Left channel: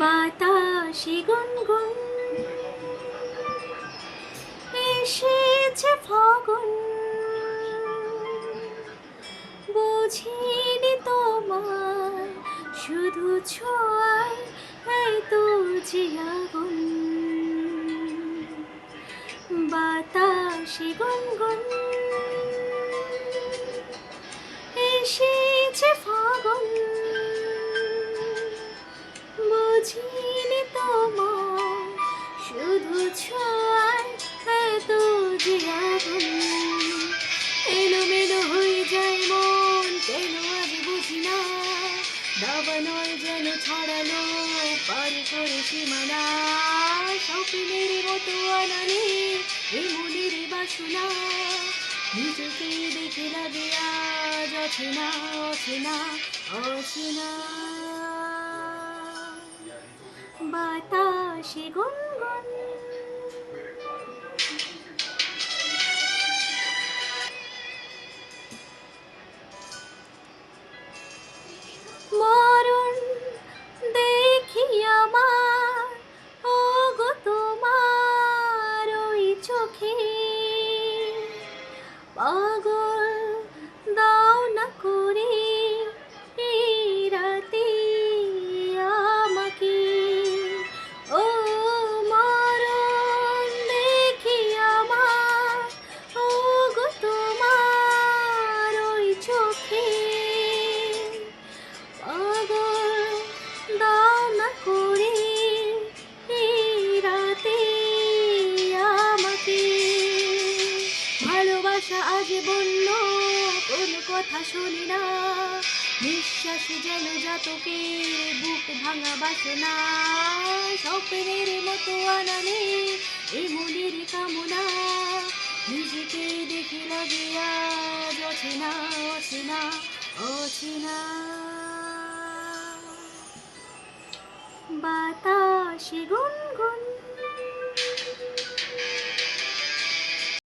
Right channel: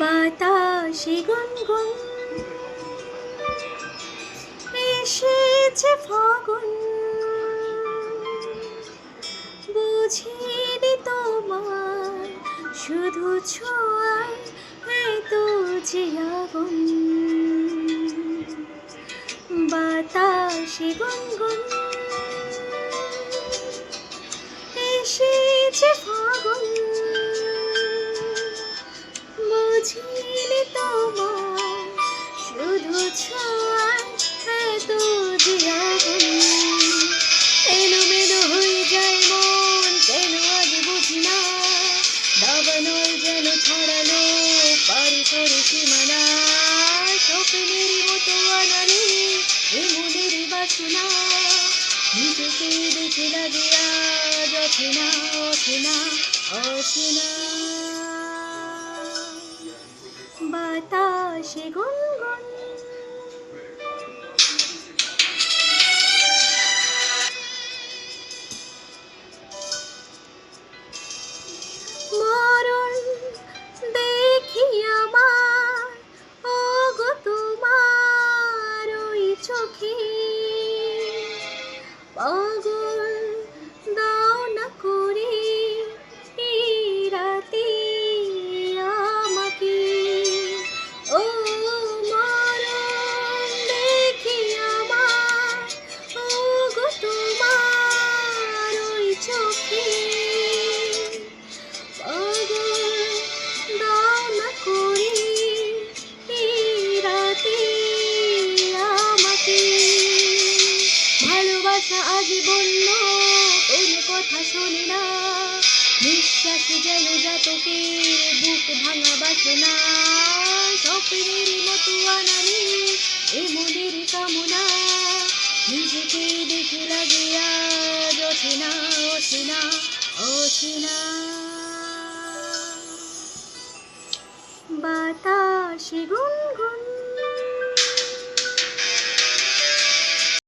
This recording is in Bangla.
বাতাসে গুনগুন এসেছে ফাগুন, বুঝিনি তোমার শুধু ছোঁয়ায় এত যে আগুন। বাতাসে গুনগুন এসেছে ফাগুন, বুঝিনি তোমার শুধু ছোঁয়ায় এত যে আগুন। এলোমেলো হয়ে যায় মন, কেন আজ বুঝি না, দাবানল যেন ছড়ালো পারি করে সীমানা। স্বপ্নের মতো আনালে এ মনের বাসনা, নিজেকে দেখে লাগে আজ অচেনা অচেনা অচেনা। বাতাসে গুনগুন মরণ দেখি আমার ওগো তোমার ওই চোখে, পাগল দাও না করে এই রাতে আমাকে। ও মরণ দেখি আমার ওগো তোমার ওই চোখে, পাগল দাও না করে এই রাতে আমাকে। ভালোবাসা আজ বলল কোনো কথা শোনে না, নিঃশ্বাস যেন জাতকের বুক ভাঙা বাসনা। স্বপ্নের মতো আনালে এ মনের কামনা, নিজেকে দেখে লাগে আজ অচেনা অচেনা অচেনা। বাতাসে গুনগুন